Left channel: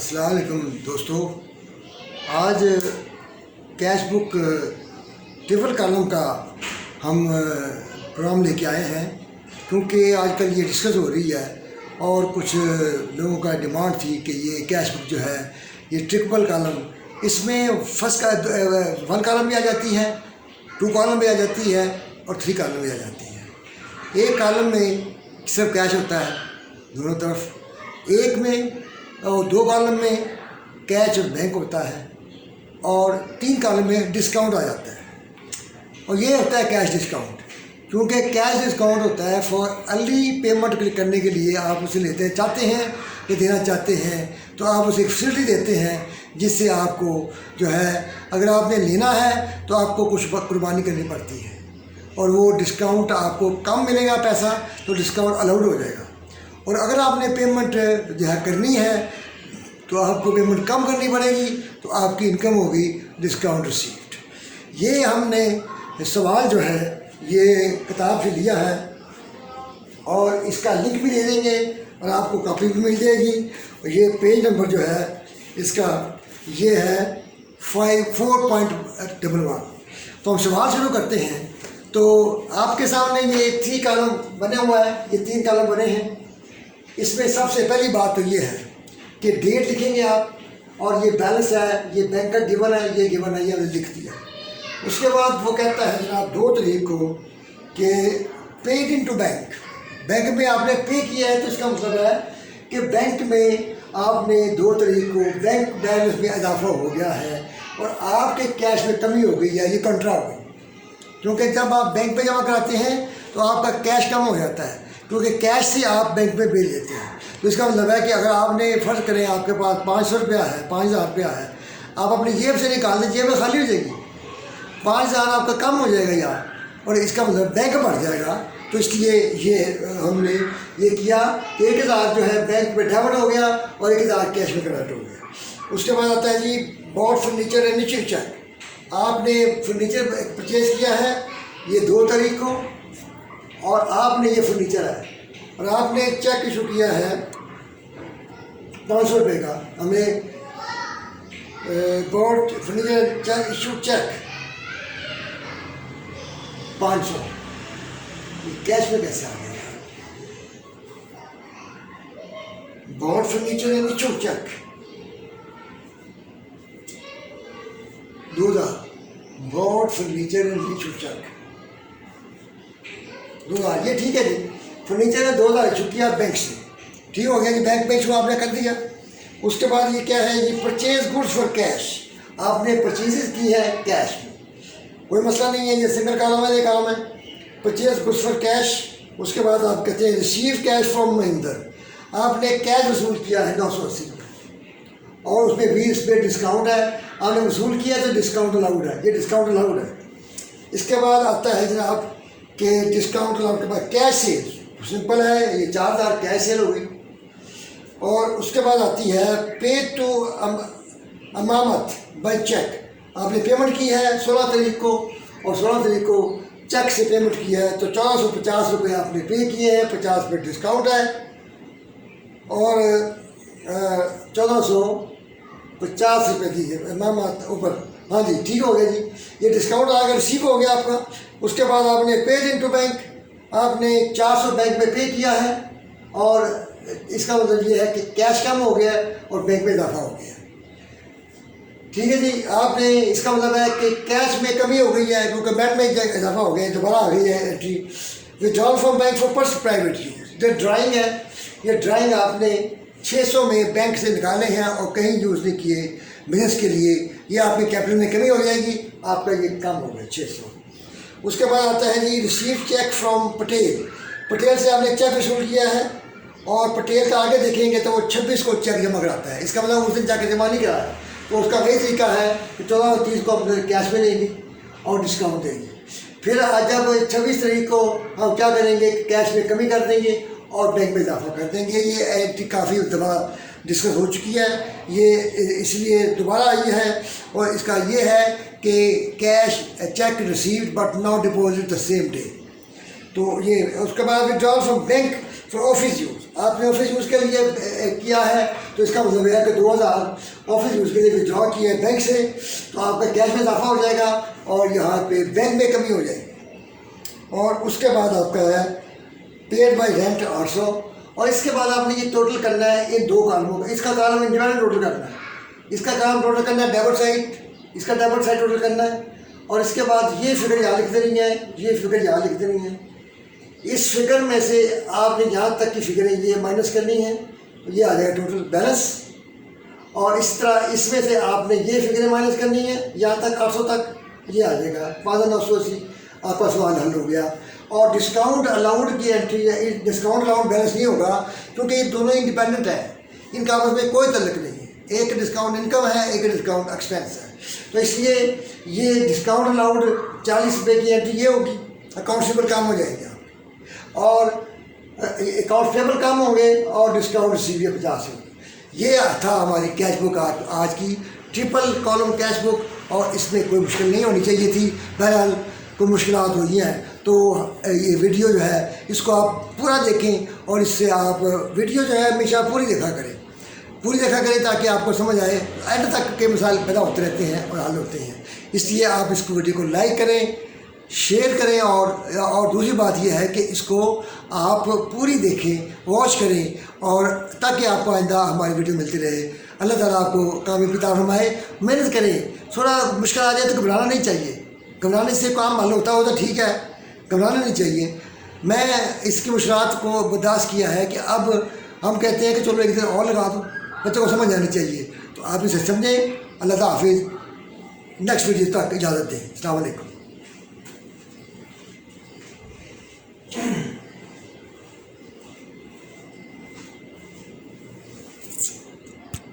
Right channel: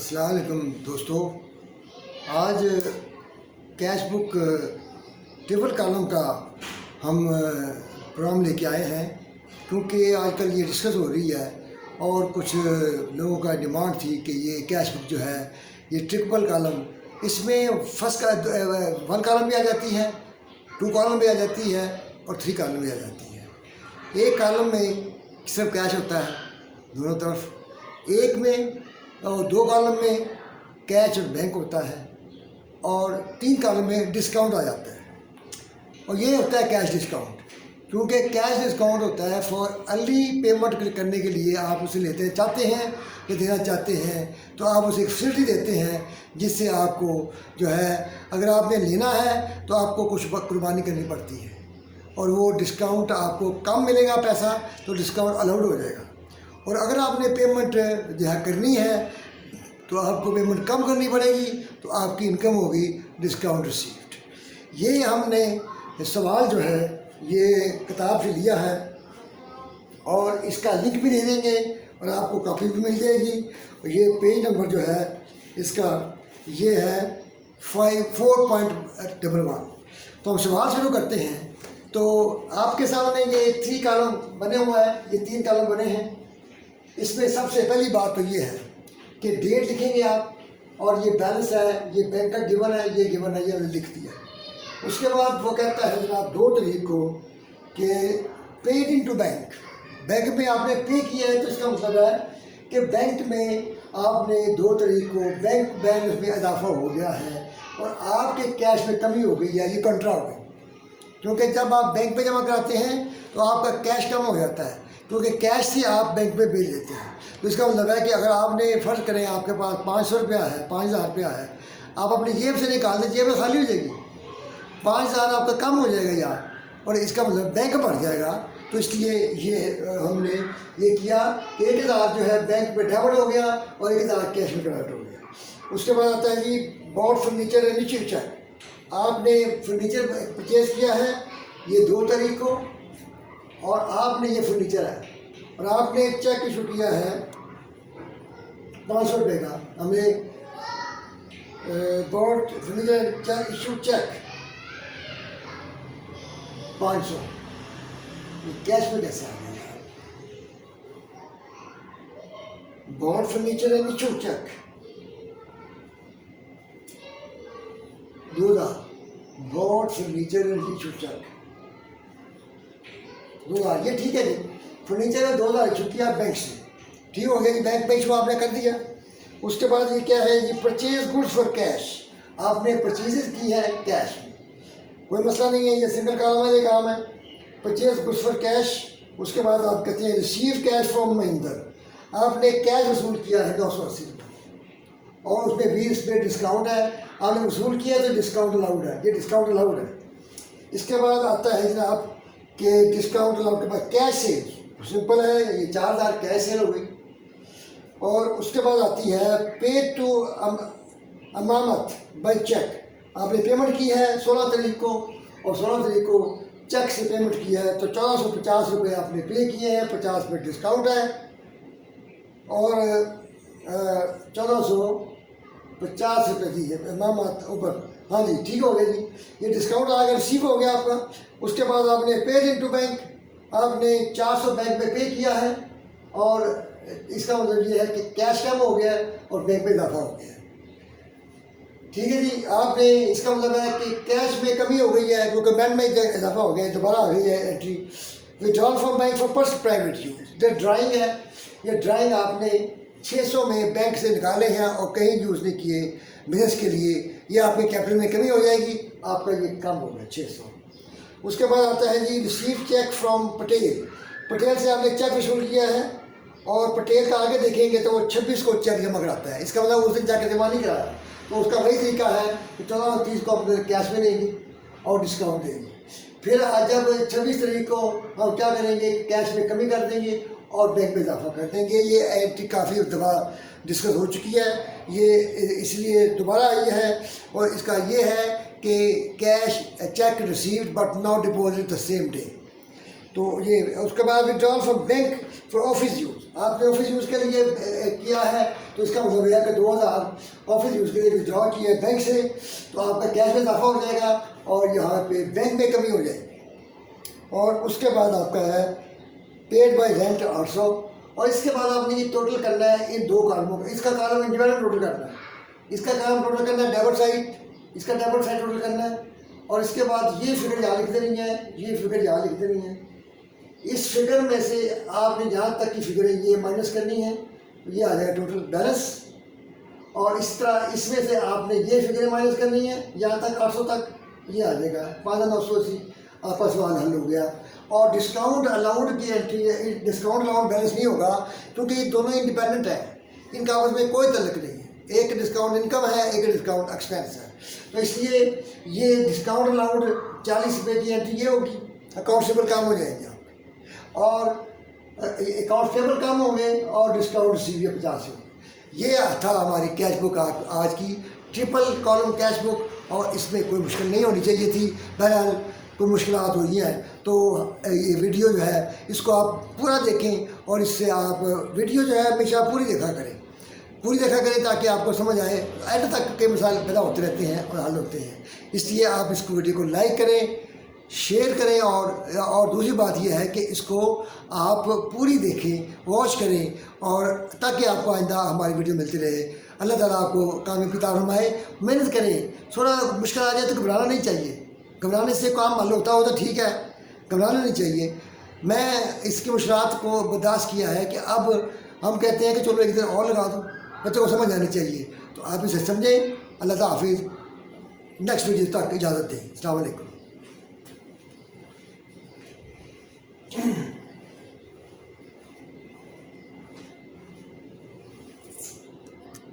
अस्सलाम वालेकुम दोस्तों। आज कैश बुक ट्रिपल कॉलम का हम प्रोग्राम लेके आए हैं, क्योंकि आजकल ये डिस्कस हो रही है और कुछ लोगों का डिमांड थी कि ये कैश बुक जो है ये ट्रिपल कॉलम, इसमें फर्स्ट का 1 कॉलम भी आ जाती है, 2 कॉलम भी आ जाती है और 3 कॉलम भी आ जाती है। एक कॉलम में सिर्फ कैश होता है दोनों तरफ, एक में और 2 कॉलम में कैश और बैंक होता है और 3 कॉलम में डिस्काउंट आ जाता है। और ये होता है कैश डिस्काउंट, क्योंकि कैश डिस्काउंट होता है फॉर अर्ली पेमेंट करने के लिए। आप उसे लेते चाहते हैं या देना चाहते हैं तो आप उसे फैसिलिटी देते हैं, जिससे आपको जो है अगर आपने लेना है तो आपको कुछ कुर्बानी करनी पड़ती है और वो डिस्काउंट आपको कम मिलेगा पैसा, तो डिस्काउंट अलाउड हो जाएगा। और अगर आपने पेमेंट जो है करनी है तो आपको पेमेंट कम करनी पड़ेगी, तो आपकी इनकम होगी डिस्काउंट रिसीव्ड। ये हमने सवाल जो है ये किताब से लिया है और इसका लिंक भी दे देंगे और आपको कॉपी भी मिल जाएगी। और ये पेज नंबर जो है इसका ये है 4.11। तो हम सवाल शुरू करते हैं। तो आपके सामने ये 3 कॉलम बने हुआ है, ये 3 कॉलम बने हैं। इसमें सबसे पहली बात तो ये है कि डेट लिखेंगे आप, और ये बैलेंस है, ये बैंक का गिवन है, ये गिवन है, ये हमने लिख दिया। उसके बाद वो कहता है जनाब 2 तारीख को कि पेड इनटू बैंक, बैंक में आपने पे किया है, तो इसका मतलब है कि बैंक में आपने 2 तारीख को बैंक बैलेंस में इजाफा हो गया है और आपके कैश में कमी हो गई है, ये कंट्रा हो गई। क्योंकि जब आप बैंक में जमा कराते हैं तो आपका कैश कम हो जाता है, क्योंकि कैश से आप बैंक में भेज लेते हैं। तो इसका मतलब है कि अगर आपने फ़र्ज करें आपके पास 500 रुपया है, 5000 रुपया है, आप अपनी जेब से निकाल दें, जेब में खाली हो जाएगी, 5000 आपका कम हो जाएगा यार, और इसका मतलब बैंक बढ़ जाएगा। तो इसलिए ये हमने ये किया कि 1000 जो है बैंक में डेबिट हो गया और 1000 कैश में क्रेडिट हो गया। उसके बाद आता है जी bought furniture and issue cheque. आपने फर्नीचर परचेज़ किया है ये 2 तारीख को, और आपने ये फर्नीचर है और आपने चेक इशू किया है 500 रुपये का। हमें board furniture cheque issue cheque 500, ये कैश में कैसे आ गया यार? Board furniture and issue cheque 2000, board furniture and issue cheque 2000, ये ठीक है जी। फर्नीचर में 2000 इशू किया बैंक से, ठीक हो गया कि बैंक में इशू आपने कर दिया। उसके बाद ये क्या है, ये परचेज गुड्स फॉर कैश, आपने परचेजेस की है कैश में, कोई मसला नहीं है, ये सिंगल कॉलम वाले काम है, परचेज गुड्स फॉर कैश। उसके बाद आप कहते हैं रिसीव कैश फ्रॉम महिंदर, आपने कैश वसूल किया है 980 रुपये और उसमें 20% डिस्काउंट है, आपने वसूल किया तो डिस्काउंट अलाउड है, ये डिस्काउंट अलाउड है। इसके बाद आता है जनाब कि डिस्काउंट अलाउड के बाद कैश सेल, सिंपल है, ये 4000 कैश सेल हो गई। और उसके बाद आती है पे टू अमानत बाय चेक, आपने पेमेंट की है 16 तारीख को और 16 तारीख को चेक से पेमेंट किया है, तो 1450 रुपये आपने पे किए हैं, 50% डिस्काउंट है और 1450 रुपये की अमानत ऊपर। हाँ जी, ठीक हो गया जी, ये डिस्काउंट आकर रिसीव हो गया आपका। उसके बाद आपने पेड इनटू बैंक, आपने 400 बैंक में पे किया है और इसका मतलब ये है कि कैश कम हो गया और बैंक में इजाफा हो गया, ठीक है जी। आपने इसका मतलब है कि कैश में कमी हो गई है क्योंकि बैंक में इजाफा हो गया, दोबारा आ गई है entry. Withdrawal from bank for personal private use, जो ड्राइंग है, ये ड्राइंग आपने 600 में बैंक से निकाले हैं और कहीं यूज़ नहीं किए बिजनेस के लिए, ये आपके कैपिटल में कमी हो जाएगी, आपका ये कम हो गया 600। उसके बाद आता है जी receive cheque from Patel, Patel से आपने चेक वसूल किया है और पटेल का आगे देखेंगे तो वो 26 को चेक जमा कराता है, इसका मतलब उस दिन जाकर जमा नहीं कराया, तो उसका वही तरीका है कि 14 और 30 को हम कैश में देंगे और डिस्काउंट देंगे। फिर आज जब 26 तारीख को हम क्या करेंगे, कैश में कमी कर देंगे और बैंक में इजाफा कर देंगे। ये एंट्री काफ़ी दफ़ा डिस्कस हो चुकी है, ये इसलिए दोबारा आई है। और इसका ये है कि cash cheque received but not deposit the same day, तो ये उसके बाद withdrawal from bank for office use, आपने ऑफिस यूज़ के लिए किया है तो इसका मतलब है कि 2000 ऑफिस यूज़ के लिए विड्रॉ किया है बैंक से, तो आपका कैश में इजाफा हो जाएगा और यहाँ पे बैंक में कमी हो जाएगी। और उसके बाद आपका है पेड बाई रेंट 800, और इसके बाद आपने ये टोटल करना है इन 2 कालमों का। इसका कालम इंडिपेंडेंट टोटल करना है, इसका कालम टोटल करना है डेबिट साइड, इसका डेबिट साइड टोटल करना है, और इसके बाद ये फिगर यहाँ लिख देनी है, ये फिगर यहाँ लिख देनी है। इस फिगर में से आपने जहाँ तक की फिगरें ये माइनस करनी है, तो ये आ जाएगा टोटल बैलेंस। और इस तरह इसमें से आपने ये फिगरें माइनस करनी है यहाँ तक 800 तक, ये आ जाएगा 5980। आपका सवाल हल हो गया। और डिस्काउंट अलाउड की एंट्री, डिस्काउंट अलाउड बैलेंस नहीं होगा क्योंकि ये दोनों इंडिपेंडेंट है, इनका आपस में कोई तल्लुक नहीं है। एक डिस्काउंट इनकम है, एक डिस्काउंट एक्सपेंस है, तो इसलिए ये डिस्काउंट अलाउड 40 रुपये की एंट्री ये होगी, अकाउंट पेबल कम हो जाएगी आपकी, और अकाउंट पेबल कम होंगे और डिस्काउंट रिसीव 50 होगी। ये था हमारी कैश बुक आज की ट्रिपल कॉलम कैश बुक, और इसमें कोई मुश्किल नहीं होनी चाहिए थी। बहरहाल कोई मुश्किलात हुई हैं तो ये वीडियो जो है इसको आप पूरा देखें, और इससे आप वीडियो जो है हमेशा पूरी देखा करें ताकि आपको समझ आए। एंड तक के मिसाल पैदा होते रहते हैं और हल होते हैं, इसलिए आप इसको वीडियो को लाइक करें, शेयर करें, और दूसरी बात यह है कि इसको आप पूरी देखें, वॉच करें, और ताकि आपको आइंदा हमारी वीडियो मिलती रहे। अल्लाह ताला आपको कामयाबी अता फरमाए। मेहनत करें, थोड़ा मुश्किल आ जाए तो घबराना नहीं चाहिए, घबराने से काम हल होता हो तो ठीक है, घबराना नहीं चाहिए। मैं इसकी मुश्किलात को बर्दाश्त किया है कि अब हम कहते हैं कि चलो एक दिन और लगा दो, बच्चों को समझ आनी चाहिए, तो आप इसे समझें। अल्लाह हाफिज़, नेक्स्ट वीडियो तक इजाज़त दें। अस्सलाम वालेकुम।